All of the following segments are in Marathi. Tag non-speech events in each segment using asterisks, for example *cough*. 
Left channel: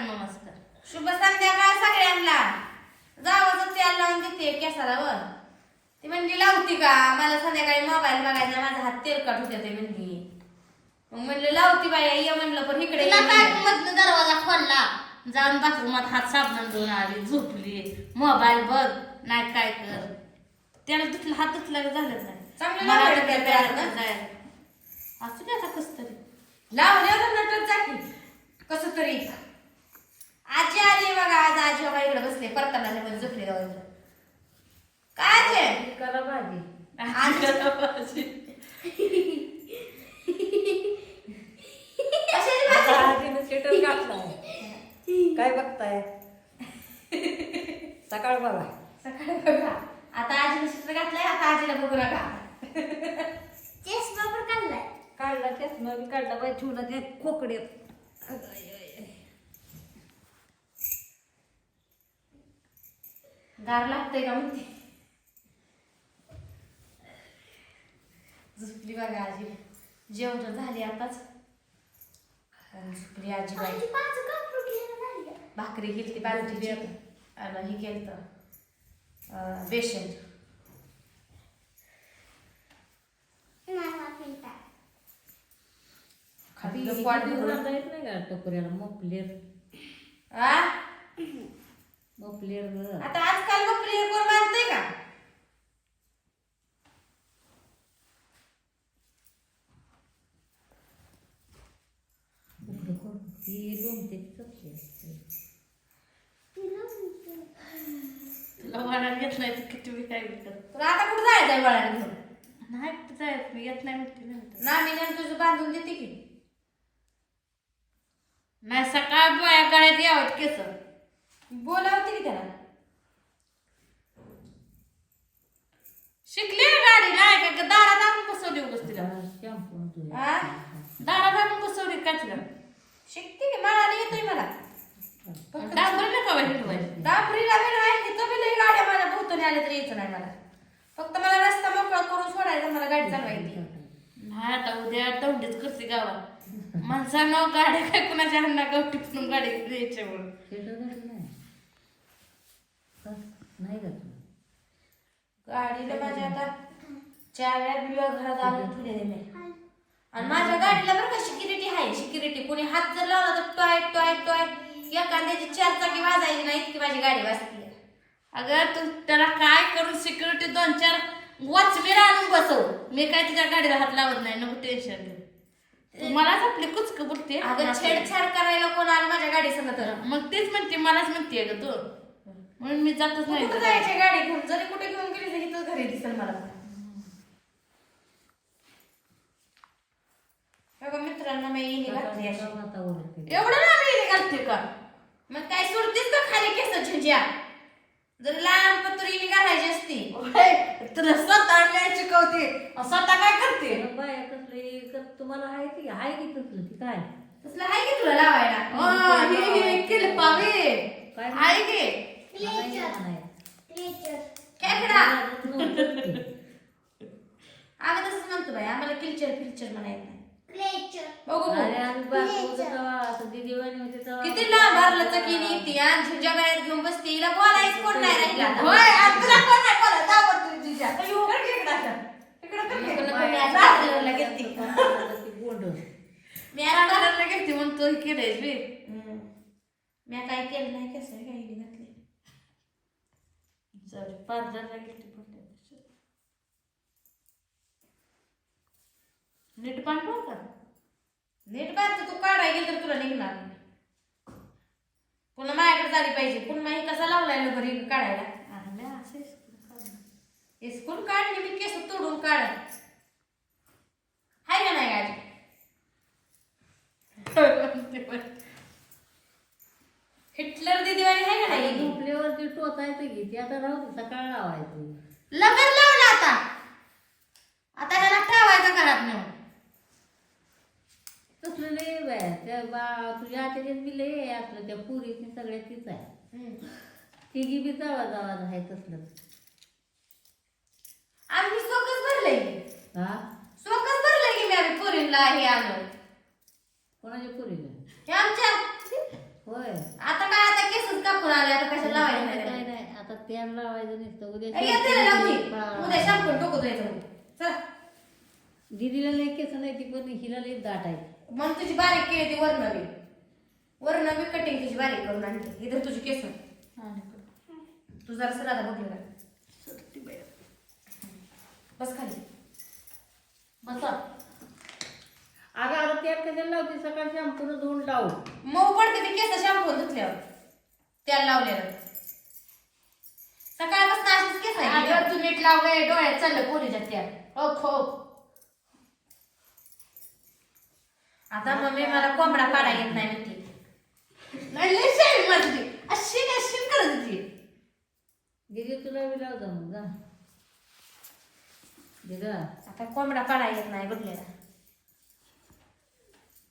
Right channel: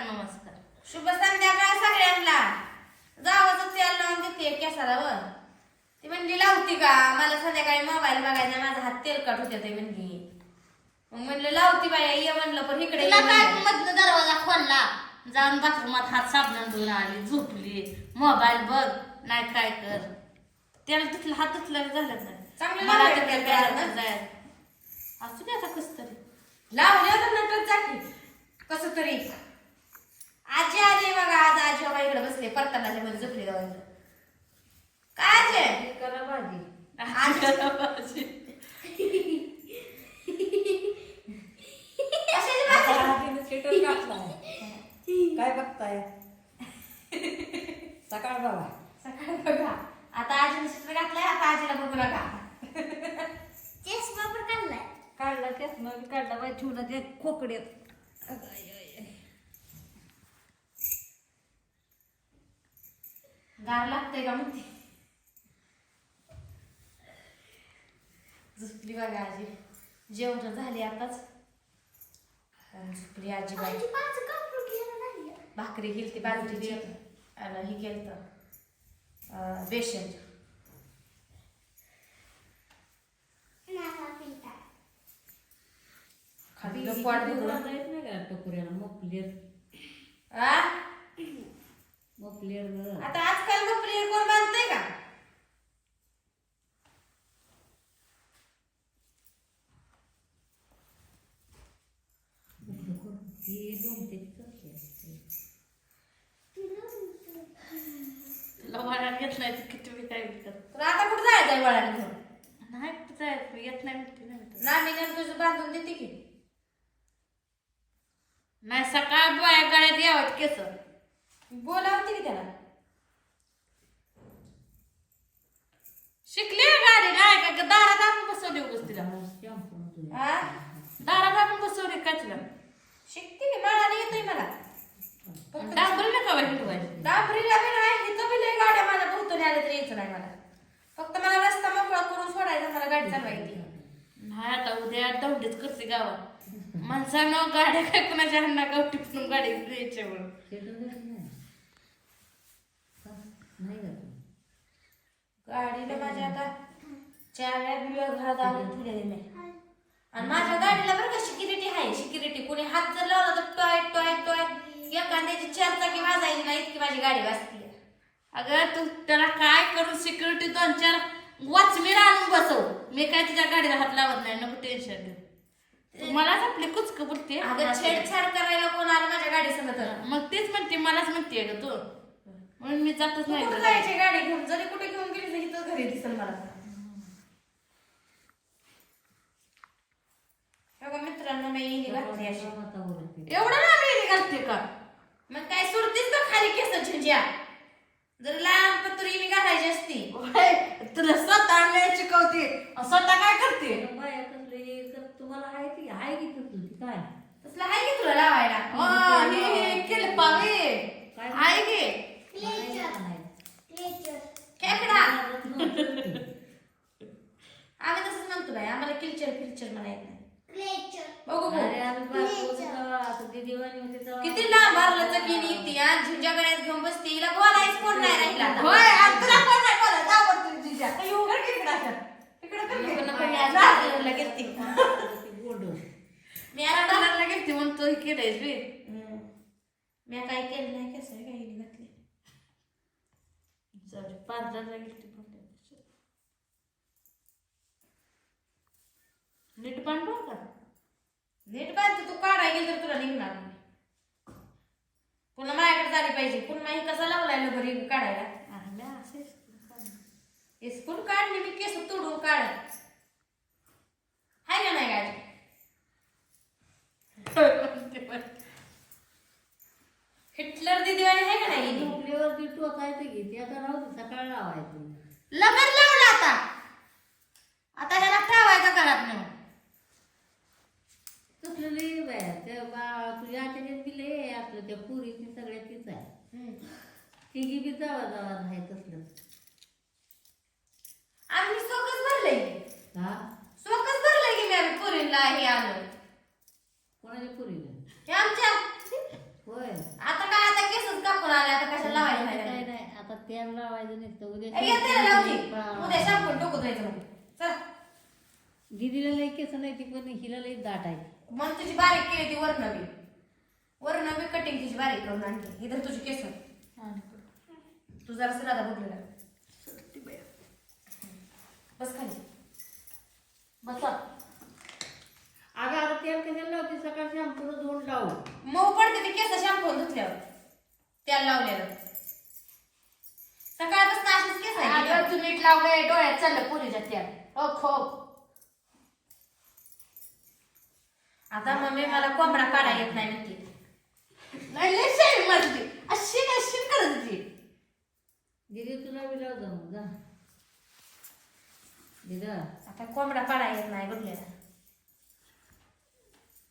नमस्कार शुभ संध्याकाळ सगळ्यांना जावं तेल लावून देते केसाला वर ती म्हणली लावती का मला संध्याकाळी मोबाईल बघायचा माझा हात तेलकट होते ते म्हणली मग म्हणलं लावती बाई ये म्हणलं पण इकडे तिला काय. मधनं दरवाजा खोलला जाऊन बाथरूमात हात साबणान धुवून आली झोपली मोबाईल बघ नाही काय कर त्याला तुटला हात तुटला झालं नाही चांगलं मला लावलं आता त्या त्या पेरानं. पेरानं जायला असू दे आता कस तरी लावले तर नटत जाती कस तरी आजी आली बघा आज आजी बघा इकडे बसले परतानाच्या मध्ये झोपले जाऊन काय आजी *laughs* करा भाजी. कशाची आता भाजी? काय बघताय? सकाळ बघा. सकाळी बघा. आता आजीने चित्र घातलंय आता आजीला बघू नका. केस बाबर काढलाय. काढला त्याच मग काढला बाई ठेवला ते खोकड्यात. गार लागतंय का म्हणते? झोपली बघा आजी. जेवण झाली आताच. झोपली आजी बाई. भाकरी केली ती बाजरीची आणि ही केलं बेसन. खाल्लं पोट भरून. येत नाही का टोकऱ्याला? मोपलेर आ? मोपलेर ग. आता आजकाल मग प्रिय कोण बांधतंय का? ती लोमते चपली असते तुला वळण येत नाही तर किती मी काय विकत? तर आता कुठं वळण घेऊन? नाही कुठं जायचं? येत नाही म्हणते नाही ना मी नंतर तुझं बांधून देते की. नाही सकाळ बाया गळ्यात यावं केस. बोलावते की त्याला. शिकली गाडी. नाही का दारात आणून बसवली उगस तिला? दारात आणून बसवली का तिला? शिकते की? मला येतोय मला. फक्त डांबरी नका वाईट व्हायची दाबरीला बी नाही इथं बी लई गाड्या माझ्या भोवतणी आल्या तरी यायचं नाही मला. फक्त मला रस्ता मोकळा करून सोडायचा मला गाडी चालवायची. नाही आता उद्या दौंडीच करते गावात. माणसानं गाड्या काय कुणाच्या हन्ना गावठी पण गाडी द्यायच्या म्हणून नाही? नाही घातलं गाडीला माझ्या आता चार वेळा बिलवा घरात आणून ठेवलेले मी आणि माझ्या गाडीला बरं का सिक्युरिटी आहे सिक्युरिटी कोणी हात जर लावला तर टॉय टॉय टॉय. एखाद्याची चार चाकी वाजायची नाही इतकी माझी गाडी वाजती अगं तू त्याला काय करून सिक्युरिटी दोन चार वॉचमेन आणून बसव. मी काय तुझ्या गाडीला हात लावत नाही नको टेन्शन घेऊ. मलाच आपली कुचक बोलते अगं छेडछाड करायला कोण आलं माझ्या गाडी तर मग तेच म्हणते मलाच म्हणते ग तू. म्हणून मी जातच तू नाही कुठं. जायची गाडी घेऊन? जरी कुठे घेऊन गेली तरी इथंच घरी दिसेल मला. बघा मित्रांनो मी इनी घातली अशी. एवढं ना मी घालते का? मग काय सुरतीच का खाली केस झंझ्या जर लहान पत्र इनी घालायची असती. तुला स्वतः नाही शिकवते स्वतः काय करते? तुम्हाला आहे की आहे की तसलं ती काय? तसलं आहे की तुला लावायला? हे- हे केलं पावे? आहे की? खेकडा. आम्ही तसंच म्हणतो बाई आम्हाला किलचर फिल्चर म्हणायचं नाही बघू अरे बघू आम्ही बाप होतो तेव्हा असं ती दिवाळी होती तेव्हा किती लांब भरलं चकीनी ती आणि झुंजा गळ्यात घेऊन बसती हिला बोलायच कोण नाही राहिला आता. होय आणि तुला कोण नाही बोलायचं आवडतं तुझ्या अयो, कर की इकडं असं. इकडं कर की. नको, नको, मी आज गेलती. ती गोंड मी आता पार्लरला गेलती म्हणून तू हे केलंयस बे हम्म. मी काय केलं नाही कसं काही घातले जाऊ दे, पार्लरला गेलती म्हणते नीट पांढर का नीट बांधते तू काढाय गेल तर तुला निघणार नाही. पुन्हा माझ्याकडे झाली पाहिजे पुन्हा ही कसा लावलाय ना बरी काढायला इस्कूल काढली मी केस तोडून काढ हाय का नाही गाडी हिटलर दिदीवाणी आहे का टोचायचं की ती आता राहू दे, सकाळ लावायचं. लग्न लावलं आता. आता त्याला ठेवायचं घरात नेऊन. तसलं लय बाया त्या बा तुझ्या आत्याच्यात बी लय आहे आपलं त्या पुरीची सगळ्यात तीच आहे. तिघी बी जावा जावा आहे तसलं. आम्ही सोकच भरलंय. हा? सोकच भरलंय की मी आम्ही पुरीला हे आलो कोणाच्या पुरीला? हे आमच्या. होय. आता काय आता कापून आले आता कशाला लावायला काय नाही नाही? आता तेल लावायचं नसतं. उद्या ए, येते ना लावती पळावं. उद्या शॅम्पू डोकं धुवायचं चल. दीदीला लई केस नाही ती पण हिला लई दाट आहे. मग तुझी बारीक केली ती वरण बी वरण बी कटिंग तुझी बारीक करून आणली इधर तुझी केस. तू जरा सर आता बघलं बस खाली. बसा. अगं आता तेल कशाला लावते? सकाळ शॅम्पून धुवून लावू. मऊ पडते ती केस शॅम्पू धुतल्यावर. त्याला लावलेलं सकाळपासून अशीच केस आहे. अगं तू नीट लावलंय डोळ्यात चाललं पोरीच्या त्या ओ खो. आता मम्मी मला कोंबडा काढा येत नाही म्हणते. नाही लय शेळी मजली अशी अशी करत होती? दीदी तुला मी लाव जा मग जा. दीदा. आता कोंबडा पाडा येत नाही बघलेला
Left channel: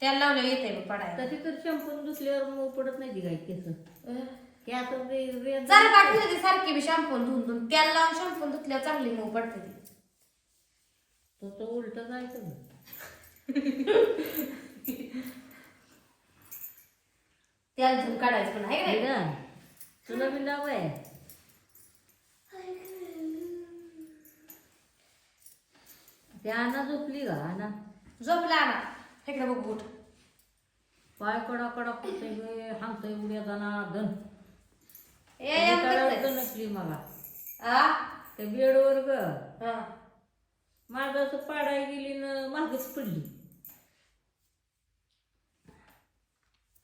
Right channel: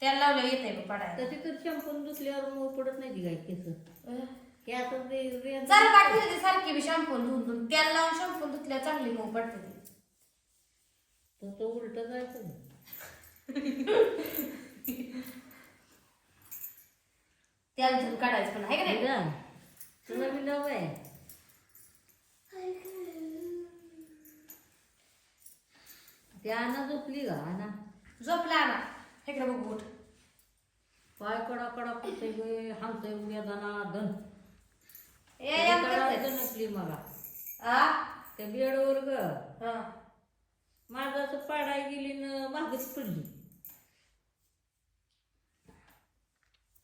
त्याला लावलं येते बघ पाडायला तशी तर शॅम्पून धुतल्यावर मग पडत नाही ती काय केस. आता रे- जरा पाठवली ती सारखी बी शॅम्पू धुवून धुवून त्याला लावून शॅम्पू धुतल्यावर चांगली मऊ पडते ती. तो तो उलट जायचं त्याला धुवून काढायचं पण आहे का नाही? दीदा तुला मी लाव आहे. ते आणा झोपली का आणा झोपला ना इकडे बघू उठ. पाय कडा कडा कुठे गे हामतोय उड्या जाणार नसली मला. आ? त्या बेडवर ग. माझं असं पाडायला गेली ना मागच पडली.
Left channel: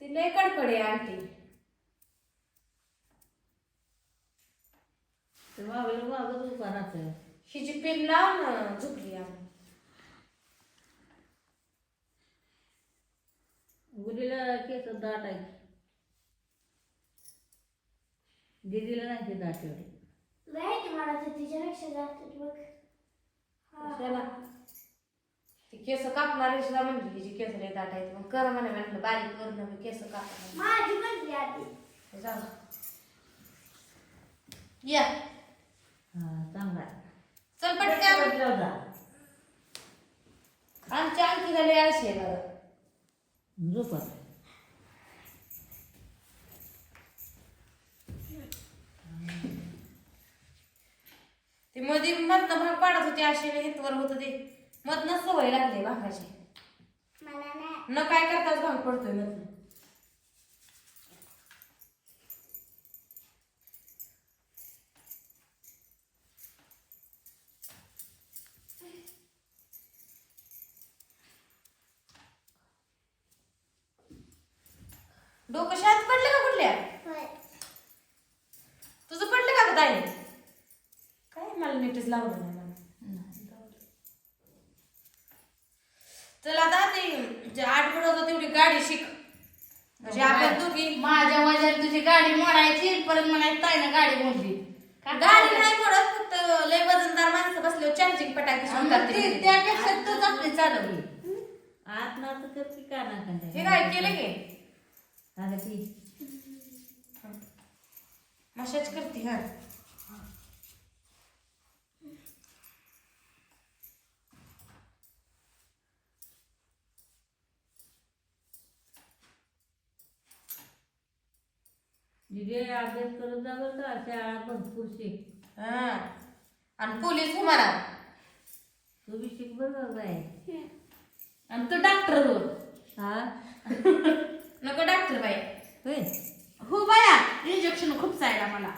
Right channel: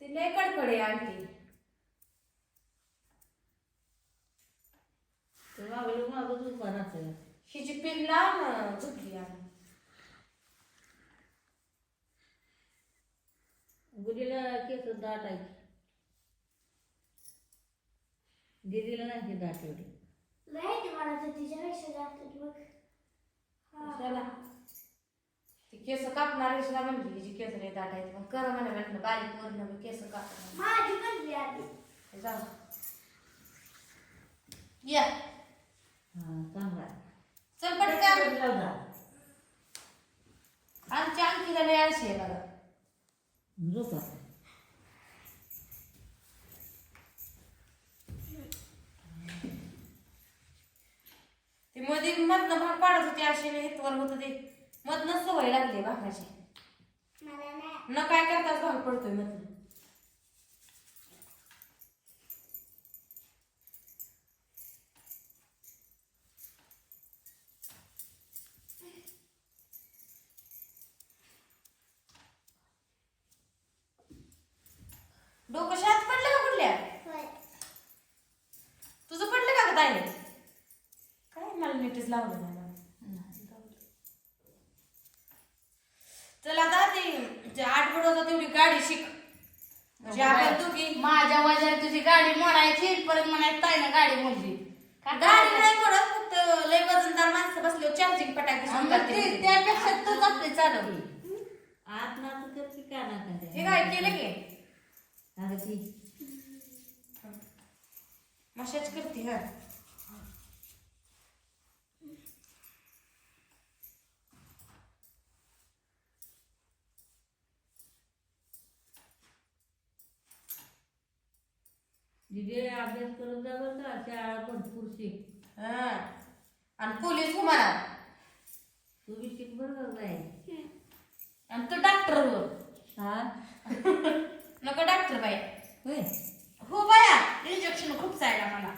ती लय कडकडे ते मागलं मागच राहतोय. हिची पिन लाव ना झोपली आम्ही. गुलीला केस दाट आहे. दीदीला नाही ते दाट एवढी कशाला? ती केस कापणार सुद्धा म्हणली हिची केस लय दाट आहे मग कर म्हणे म्हटलं बारीक करून मी केस कापणार. जाऊ या. हा चांगला. चल पटकन. जा. आमची आणखी लय अशी आहे बघा झोप आता. ती मध्ये मधनं भाग पाडत होती अशी हितवर होत ते. मधनं सवय लागली भागाची. न काय करताच भाग पडतोय मधनं. डोकं शाळेत पडलं का कुठल्या? तुझं पडलं का काय मला नीटच लावलं नाही मला. चल आता ते जे आठ होतं तेवढी गाडी शिक. म्हणजे आपण दोघी माझ्या वजाने तुझी गाडी मोडायची परत म्हणायची ताईनं गाडी मोडली. गाडी नाही म्हणत फक्त लय वजनदार माणसं बसले चार्जिंग पटाकी आणि मग ते- त्यापेक्षा तूच आपली चालवली. आत ना की ना. हे काय केलं की? अगं ती मशाज करते हा. दिदी अभ्यास करत जा बरं का शाळा भरपूर शिक. हा. आणि पोलीस म्हणा तू बी शिक बरं आणि तू डॉक्टर हो हा? *laughs* नको डॉक्टर बाई. होय. हो बाया इंजेक्शन खूप चायला मला.